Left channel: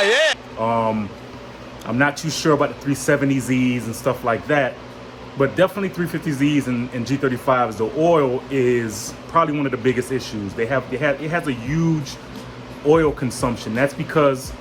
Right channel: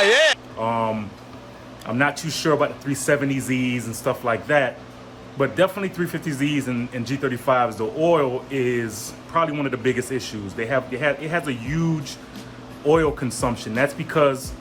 Oh, yeah. I'm not too sure about the 370Zs and stuff like that, but definitely 350Zs and G35s. The oil is probably one of the biggest issues. It has a huge oil consumption. That's because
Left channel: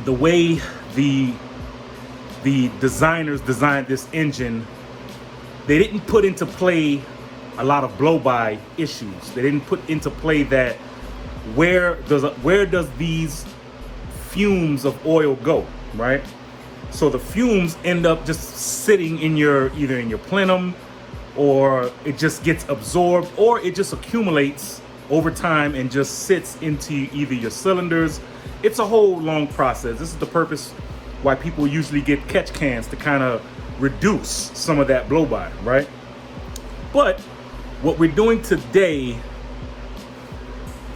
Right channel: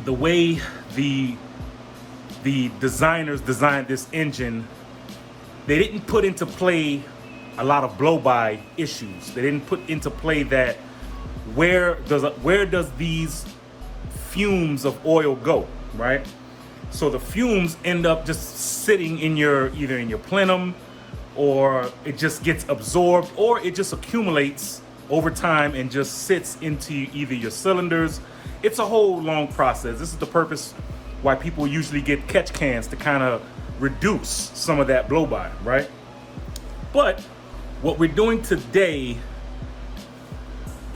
the way the designers designed this engine, they didn't put into play a lot of blow-by issues. They didn't put into play that where does these fumes of oil go, right? So the fumes end up just sitting in either in your plenum, or it just gets absorbed, or it just accumulates over time and just sits into either your cylinders. It's a whole long process. This is the purpose why people usually get catch cans, to kind of reduce some of that blow-by, right? But what we're doing today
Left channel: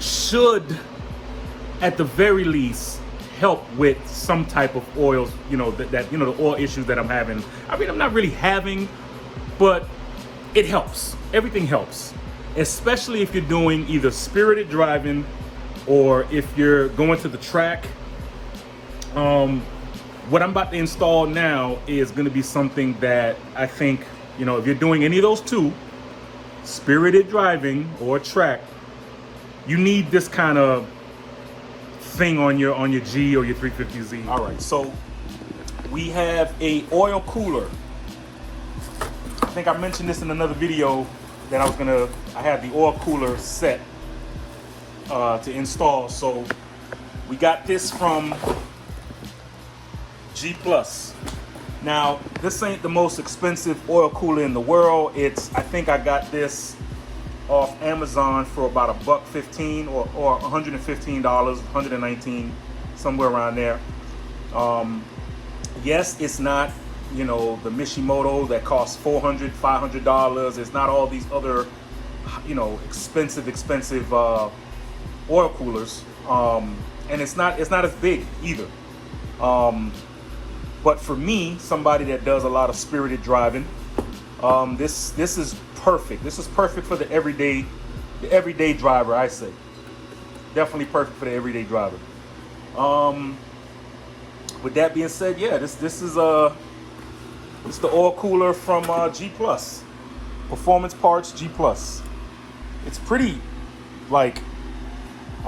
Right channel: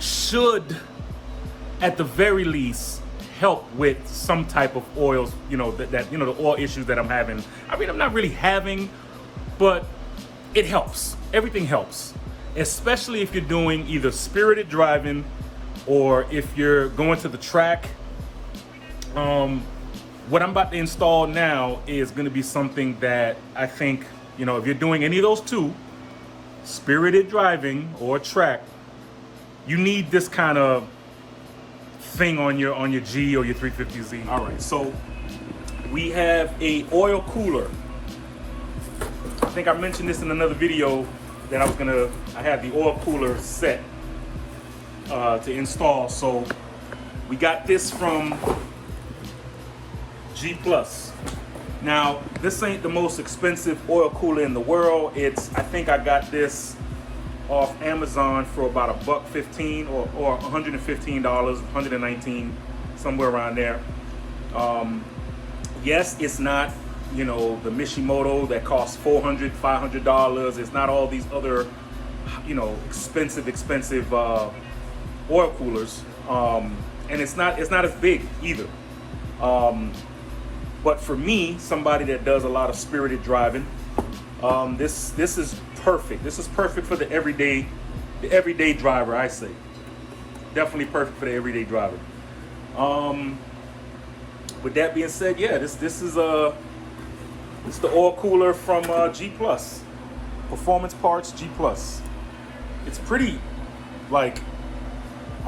should, at the very least, help with some type of oils, that the oil issues that I'm having. I mean, I'm not really having, but it helps. Everything helps, especially if you're doing either spirited driving or if you're going to the track. What I'm about to install now is going to be something that I think, if you're doing any of those two, spirited driving or track, you need this kind of thing on your G or your 350Z. All right, so we have a oil cooler. I think I mentioned this in another video that I had the oil cooler set to install. So we got this from G+. Now, this ain't the most expensive oil cooler in the world. I think I got this off Amazon for about $115 or $115, $119, somewhere around there. Yes, it's not, the Mishimoto that costs $400, $500. It's not all these other, expensive oil coolers. And it's not as big either. But for me, somebody that does a lot of spirited driving, this is perfect. This is perfect for the everyday driver, I say. Definitely perfect for the everyday driver. With that being said, yeah, this is it's the oil cooler from G+. Performance Parts G+. It's pretty, I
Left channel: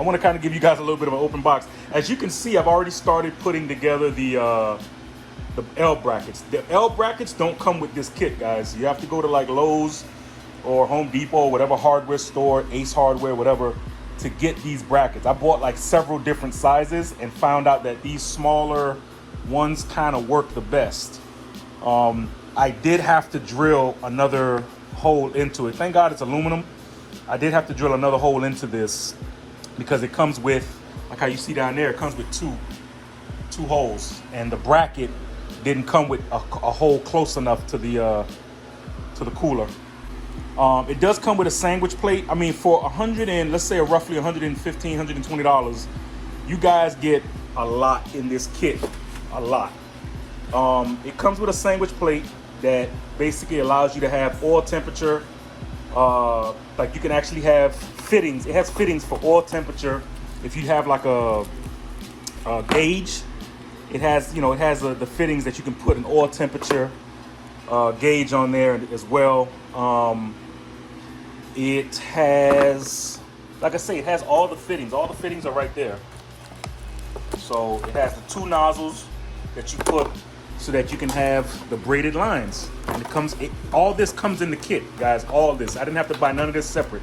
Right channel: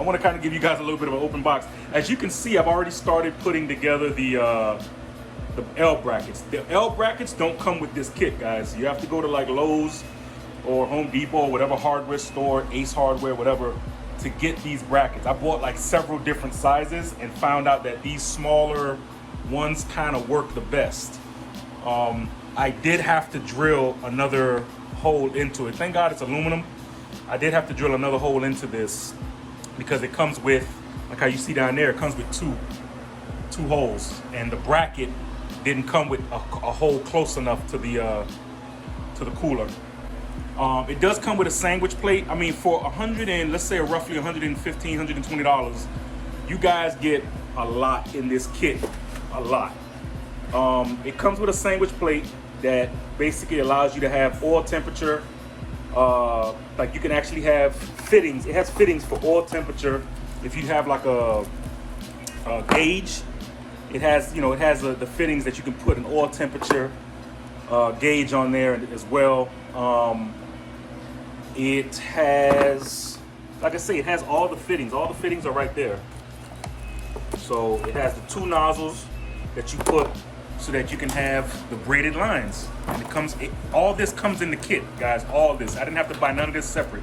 want to kind of give you guys a little bit of an open box. As you can see, I've already started putting together the L brackets. The L brackets don't come with this kit, guys. You have to go to like Lowe's or Home Depot, whatever hardware store, Ace Hardware, whatever, to get these brackets. I bought like several different sizes and found out that these smaller ones kind of work the best. I did have to drill another hole into it. Thank God it's aluminum. I did have to drill another hole into this because it comes with, like how you see down there, it comes with two holes, and the bracket didn't come with a hole close enough to the cooler. It does come with a sandwich plate. I mean, for let's say roughly $115, $120, you guys get a lot in this kit, a lot. It comes with a sandwich plate that basically allows you to have oil temperature. Like you can actually have fittings. It has fittings for oil temperature. If you have like a gauge, it has the fittings that you can put an oil temperature gauge on there as well. It has, like I say, it has all the fittings. All the fittings are right there. So it has the two nozzles that you put so that you can have the braided lines. And all this comes in the kit, guys. All this. I didn't have to buy none of this separate,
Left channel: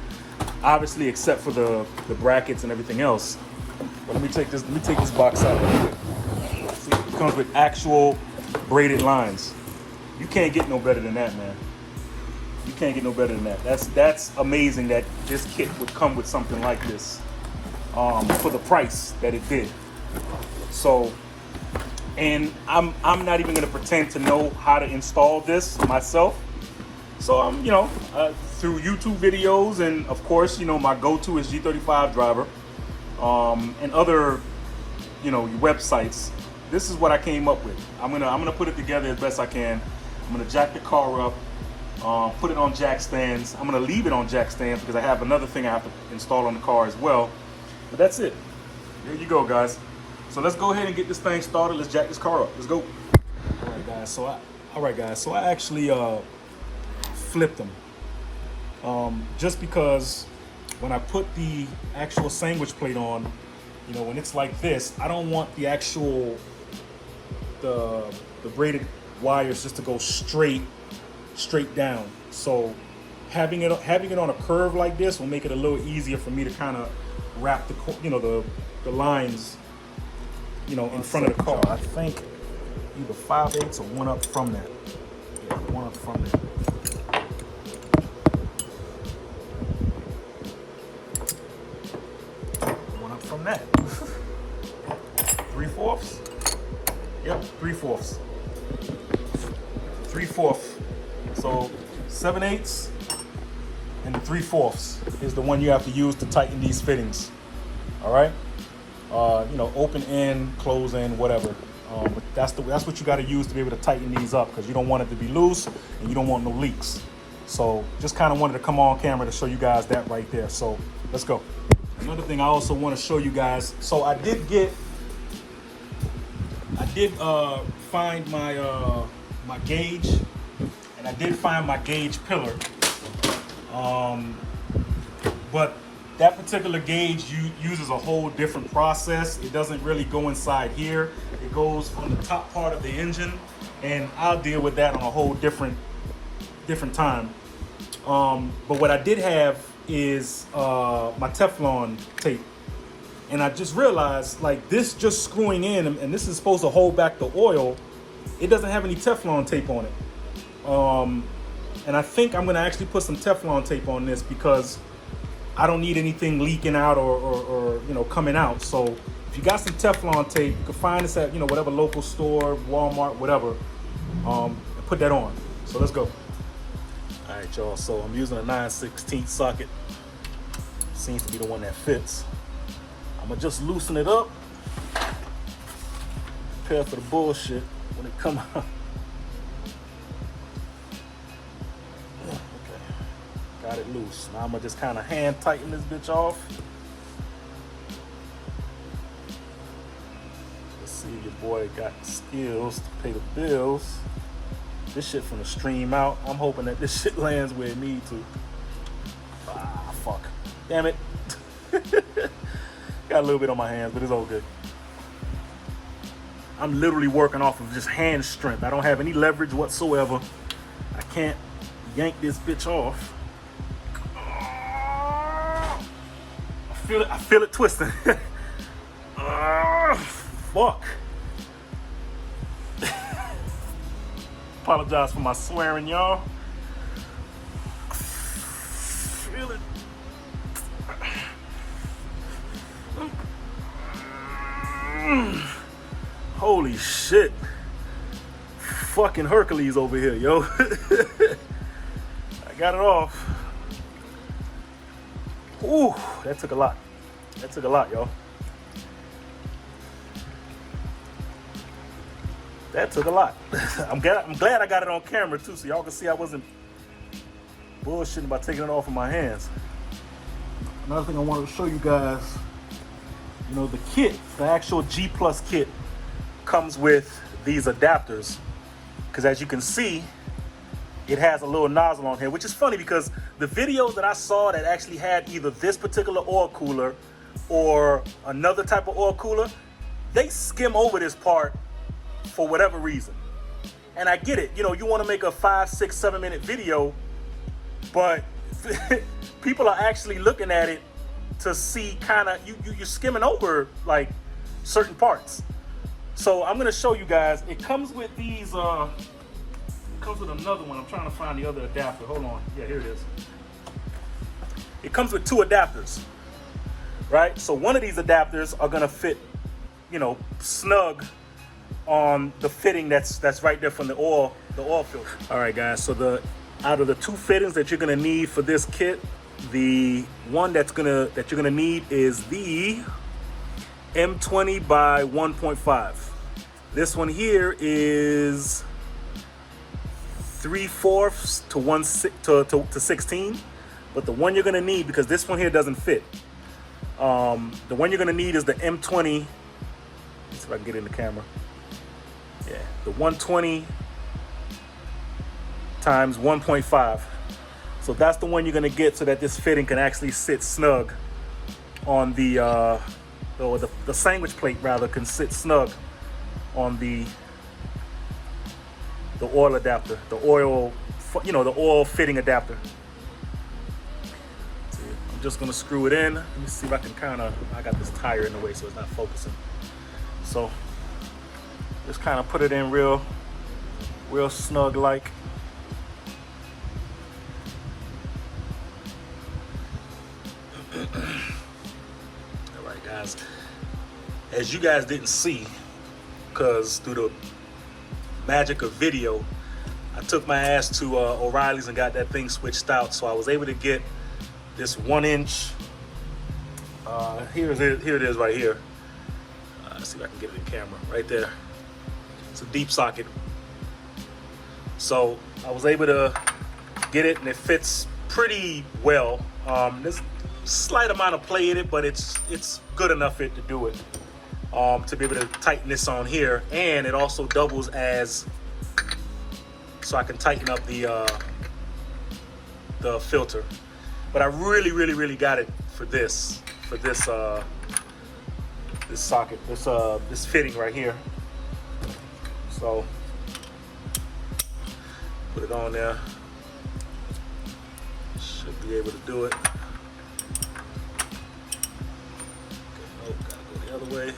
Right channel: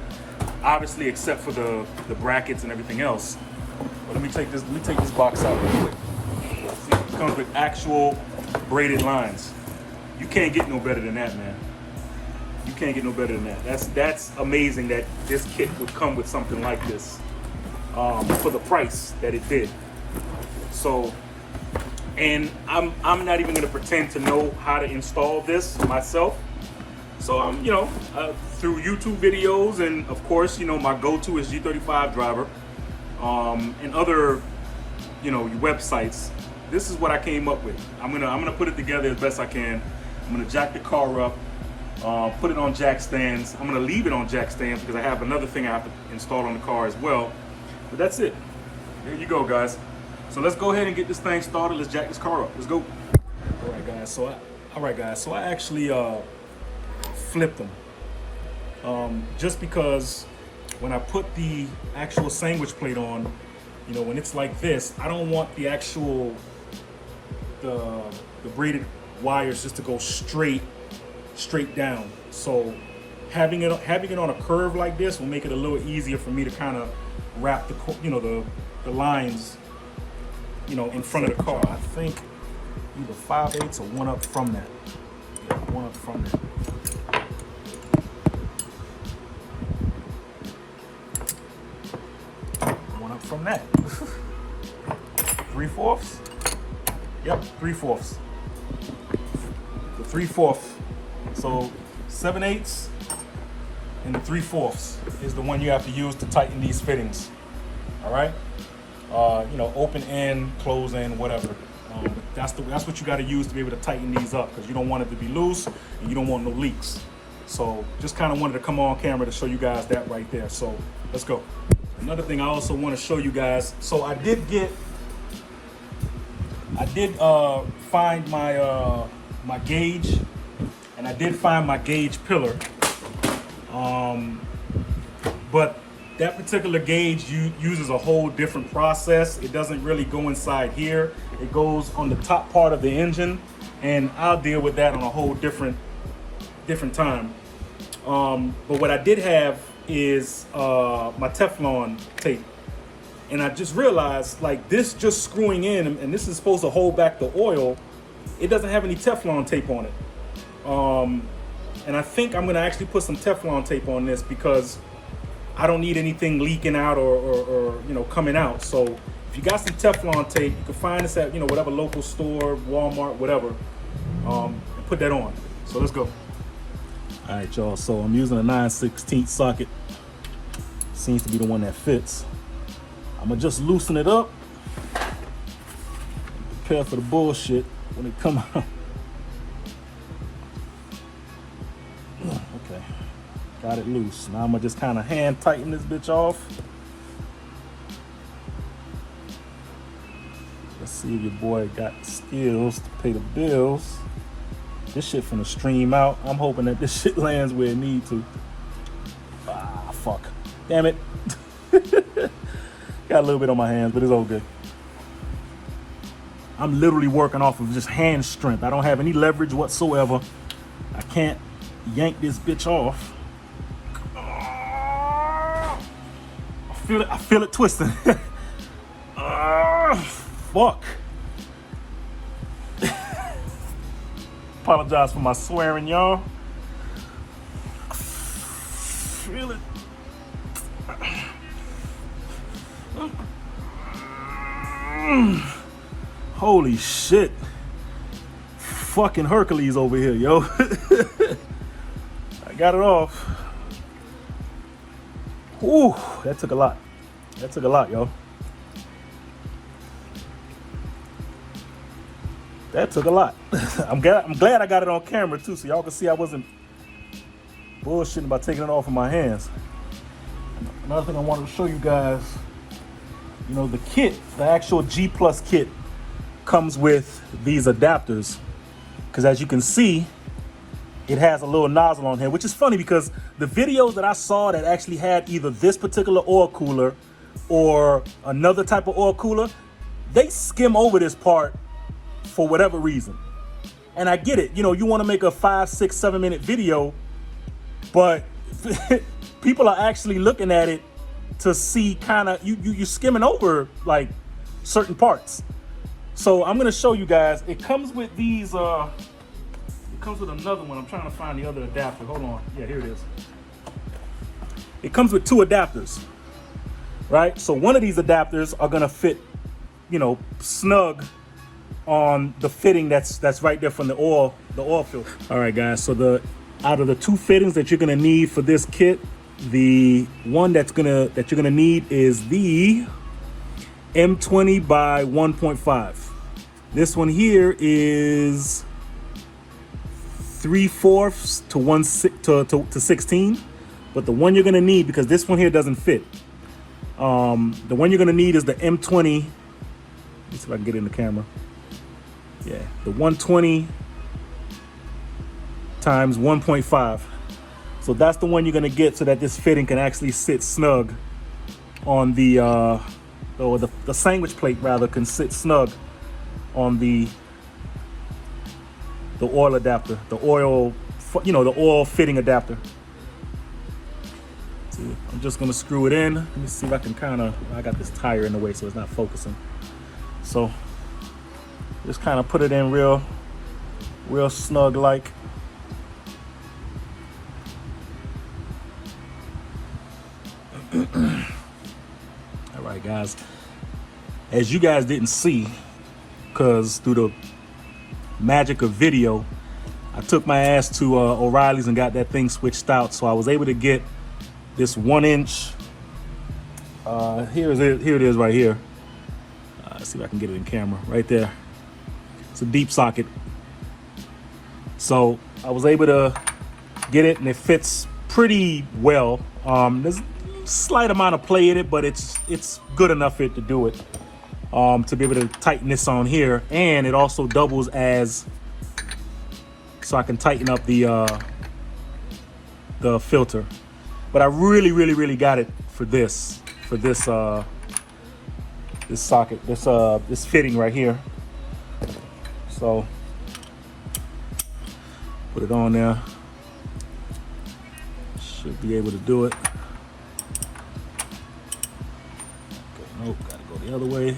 obviously, except for the brackets and everything else. But let me take this box out. See, it comes with actual braided lines. You can't get no better than that, man. You can't get no better than that. That's amazing that this kit would come with something like this for the price that it did. So, and I'm not even gonna pretend to know how to install this myself. So I'm, through YouTube videos, and of course, my go-to is G35 driver, and other, websites. This is what I came up with. I'm gonna put it together as best I can. I'm gonna jack the car up, put it on jack stands. I'm gonna leave it on jack stands because I have another thing I have to install on the car as well. But that's it. There you go, guys. So let's go ahead and get this thing started. Let's jack this car up. Let's go. All right, guys. So I actually flipped them. Just because when I put the actual sandwich plate on, you know, when it's like this, I don't want the actual the braided wires just to go straight down. So having it on a curve like this will make it a little easier for me to kind of wrap the lines, you know, in front of the car. I think either 5/8 or 1 up from that. Yeah, 1 up from that. From that. 3/4. Yep, 3/4. 3/4. So 7/8 and the 3/4 is the one you have to use to tighten these fittings. All right. You know, open end, close end, whatever. That's what you got to use to be able to tighten these up, because you don't want it to be loose and you don't want no leaks. So just kind of wanted to come on camera to show you guys that right there. So let's go. Another thing I also want to show you guys. So I did find my gauge, and I did find my gauge pillar. But that particular gauge uses a whole different process. It doesn't really go inside here. It goes on the top part of the engine, and I'll deal with that on a whole different time. But what I did have is my Teflon tape, and I just realized, like, this just screwing in, and this is supposed to hold back the oil, it doesn't have any Teflon tape on it. And I think I'm gonna actually put some Teflon tape on this, because I don't need anything leaking out or you know, coming out. So if you got some Teflon tape, you can find this at, you know, whatever local store, Walmart, whatever. Put that on. So let's go. All right, y'all, so I'm using a 9/16 socket. Seems to be the one that fits. I'm gonna just loosen it up. Prepare for the bullshit when it come out. Okay, got it loose. Now I'm gonna just kind of hand tighten this bitch off. Let's see if your boy got skills to pay the bills. This shit finna stream out. I'm hoping that this shit lands where it needs to. Ah, fuck. Damn it. Got a little bit on my hands, but it's all good. I'm literally working off of just hand strength. I don't have any leverage whatsoever. I can't yank this bitch off. I feel it twisting. Fuck. Apologize for my swearing, y'all. Feel it. Holy shit. Fucking Hercules over here, yo. I got it off. Ooh, that took a lot. That took a lot, yo. That took a lot. I'm glad I got it on camera too, so y'all can see I wasn't bullshitting by taking it off of my hands. Another thing I wanted to show you guys, you know, the kit, the actual G Plus kit comes with these adapters, because as you can see, it has a little nozzle on here, which is funny because the videos that I saw that actually had either this particular oil cooler or another type of oil cooler, they skim over this part for whatever reason. And I get it, you know, you want to make a 5, 6, 7 minute video, but people are actually looking at it to see kind of, you're skimming over like certain parts. So I'm gonna show you guys. It comes with these, it comes with another one. I'm trying to find the other adapter. Hold on, yeah, here it is. It comes with 2 adapters, right? So one of these adapters are gonna fit, you know, snug on the fitting that's right there from the oil filter. All right, guys. So out of the 2 fittings that you're gonna need for this kit, the one that you're gonna need is the M20 by 1.5. This one here is 3/4 to 16. But the one you're gonna need, because this one here doesn't fit, the one you're gonna need is the M20 if I can get it in the camera. Yeah, the 120 times 1.5. So that's the one you're gonna get so that this fitting can actually sit snug on the, or the sandwich plate rather can sit snug on the oil adapter, the oil, you know, the oil fitting adapter. So I'm just gonna screw it in. Let me see if I can kind of, I got this tire in the way so it's not focusing. So just kind of put it in real snug like. All right, guys. As you guys didn't see, because through the magic of video, I took my ass to O'Reilly's and got that thing switched out. So I was able to get this 1-inch. Here it is right here. Let's see if I can get it in camera. Right there. It's a deep socket. So I was able to get it, and it fits pretty well. There's a slight amount of play in it, but it's good enough to do it. To be able to tighten this on here, and it also doubles as so I can tighten up the filter. But I really got it for this socket, this fitting right here. So put it on there. Should be able to do it. Nope, gotta go the other way.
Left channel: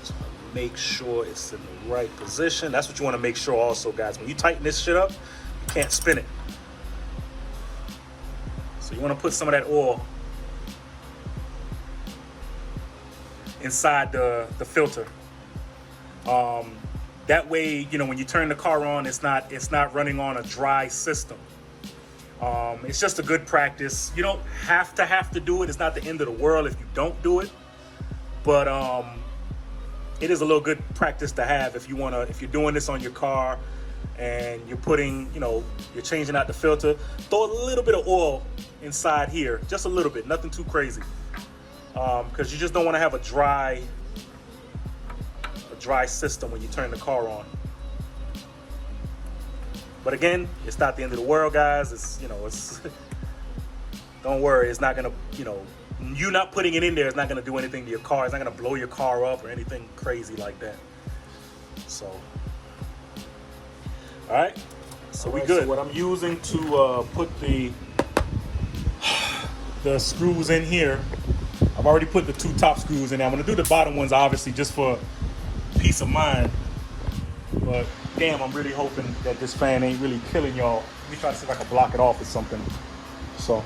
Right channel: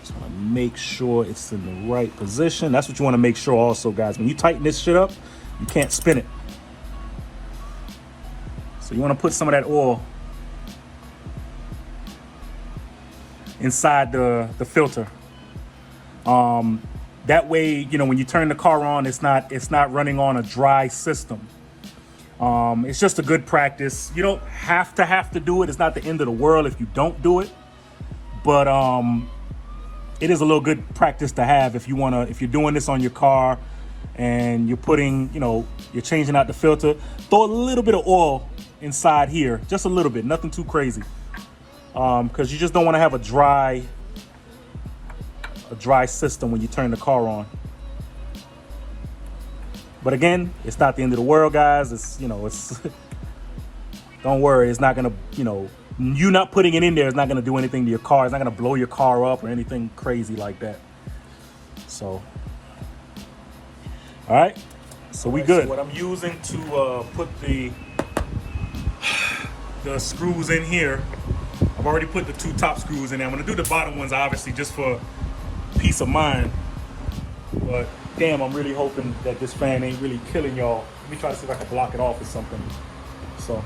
Just want to make sure it's in the right position. That's what you want to make sure also, guys. When you tighten this shit up, you can't spin it. So you want to put some of that oil inside the filter. That way, you know, when you turn the car on, it's not running on a dry system. It's just a good practice. You don't have to do it. It's not the end of the world if you don't do it. But it is a little good practice to have if you're doing this on your car and you're putting, you know, you're changing out the filter. Throw a little bit of oil inside here, just a little bit, nothing too crazy. Because you just don't want to have a dry system when you turn the car on. But again, it's not the end of the world, guys. It's, you know, it's don't worry, it's not gonna, you know, you not putting it in there is not gonna do anything to your car. It's not gonna blow your car up or anything crazy like that. So, all right, so we good. So what I'm using to put the screws in here, I've already put the 2 top screws in there. I'm gonna do the bottom ones obviously just for peace of mind. But damn, I'm really hoping that this fan ain't really killing y'all. Let me try to see if I can block it off or something. So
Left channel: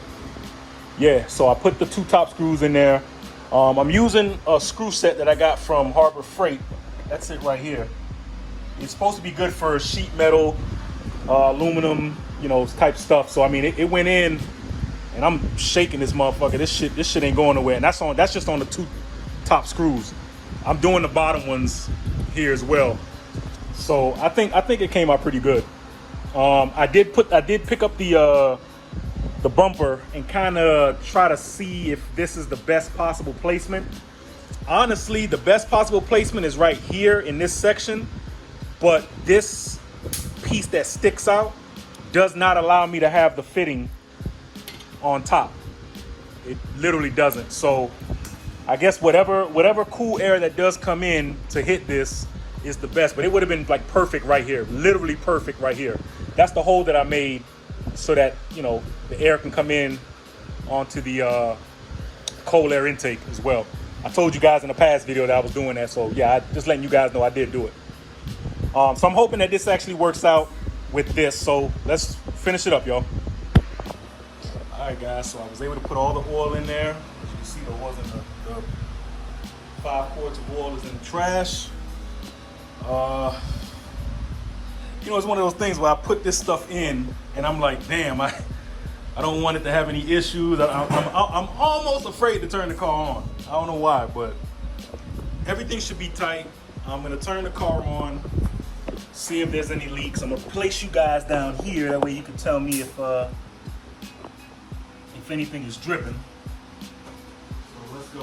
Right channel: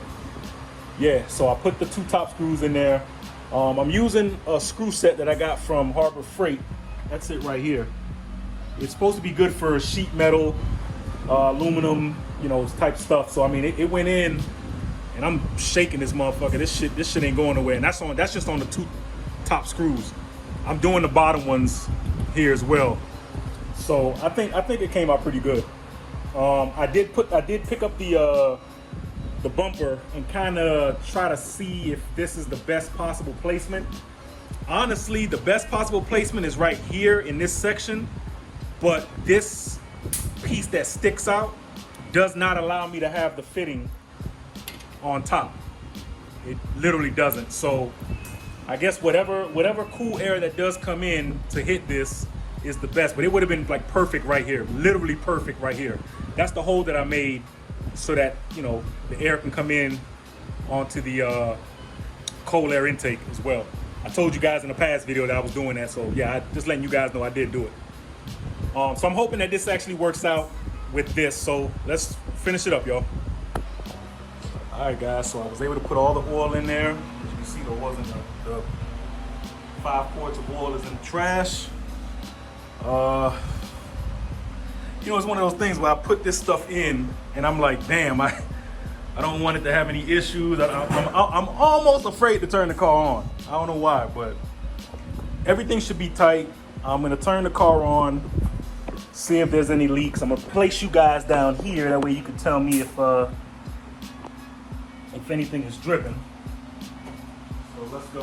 yeah, so I put the 2 top screws in there. I'm using a screw set that I got from Harbor Freight. That's it right here. It's supposed to be good for sheet metal, aluminum, you know, type stuff. So I mean, it went in, and I'm shaking this motherfucker. This shit ain't going nowhere. And that's just on the 2 top screws. I'm doing the bottom ones here as well. So I think it came out pretty good. I did pick up the bumper and kind of try to see if this is the best possible placement. Honestly, the best possible placement is right here in this section, but this piece that sticks out does not allow me to have the fitting on top. It literally doesn't. So I guess whatever cool air that does come in to hit this is the best, but it would have been like perfect right here, literally perfect right here. That's the hole that I made so that, you know, the air can come in onto the cold air intake as well. I told you guys in the past video that I was doing that, so yeah, just letting you guys know I did do it. So I'm hoping that this actually works out with this. So let's finish it up, y'all. All right, guys, so I was able to put all the oil in there. You see the oil's in the 5 quarts of oil is in the trash. You know, it's one of those things where I put this stuff in and I'm like, damn, I don't want it to have any issues. I'm almost afraid to turn the car on. I don't know why, but everything should be tight. I'm gonna turn the car on, see if there's any leaks. I'm gonna place you guys down here. That way you can tell me if anything is dripping. So So let's go.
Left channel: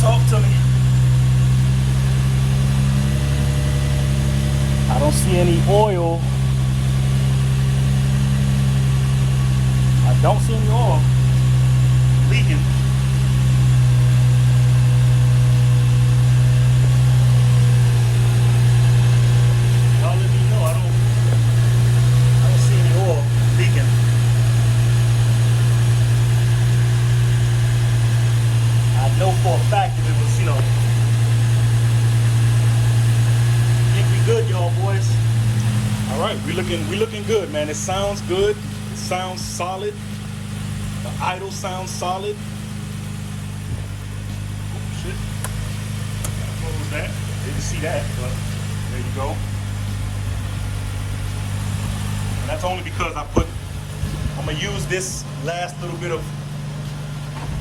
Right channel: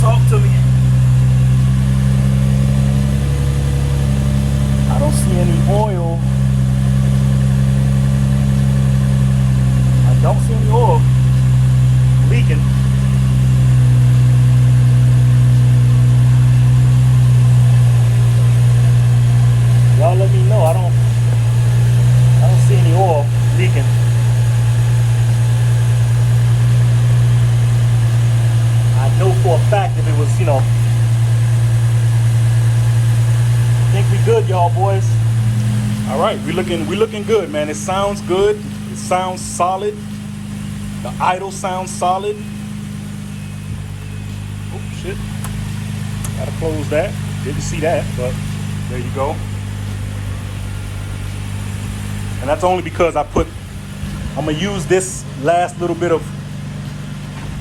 Talk to me. I don't see any oil. I don't see any oil leaking. Y'all let me know. I don't see any oil leaking. I know for a fact if it was, you know, I think we good, y'all boys. All right, we looking good, man. It sounds good. It sounds solid. The idle sounds solid. Oops, shit. Gotta close that. Didn't see that, but there you go. And that's only because I'm gonna use this last little bit of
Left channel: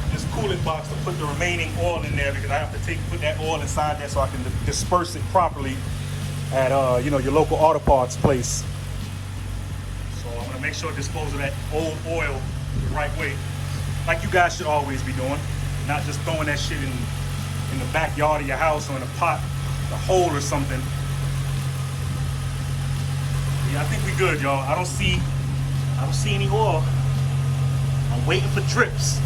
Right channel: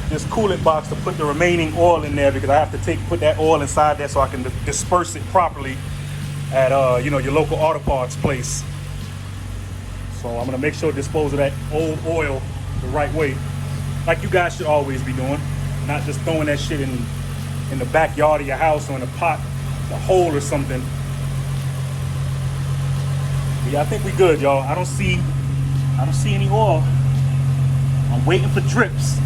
this coolant box to put the remaining oil in there, because I have to put that oil inside there so I can disperse it properly at you know, your local auto parts place. So I'm gonna make sure to dispose of that old oil the right way, like you guys should always be doing, not just throwing that shit in the backyard of your house or in a pot, a hole or something. But yeah, I think we good, y'all. I don't see any oil. I'm waiting for drips.